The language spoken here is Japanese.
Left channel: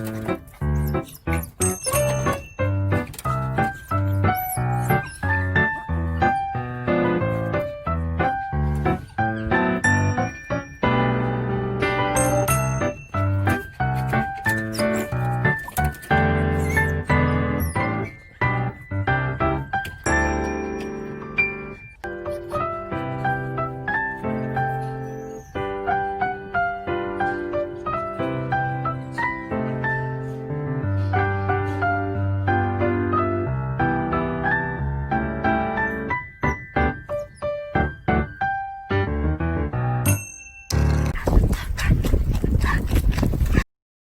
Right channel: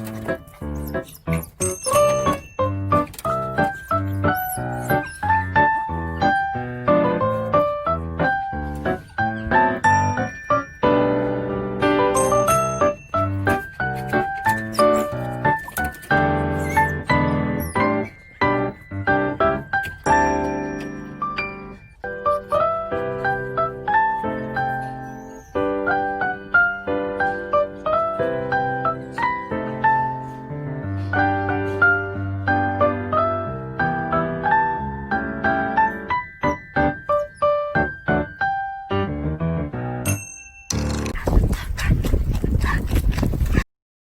Thank you.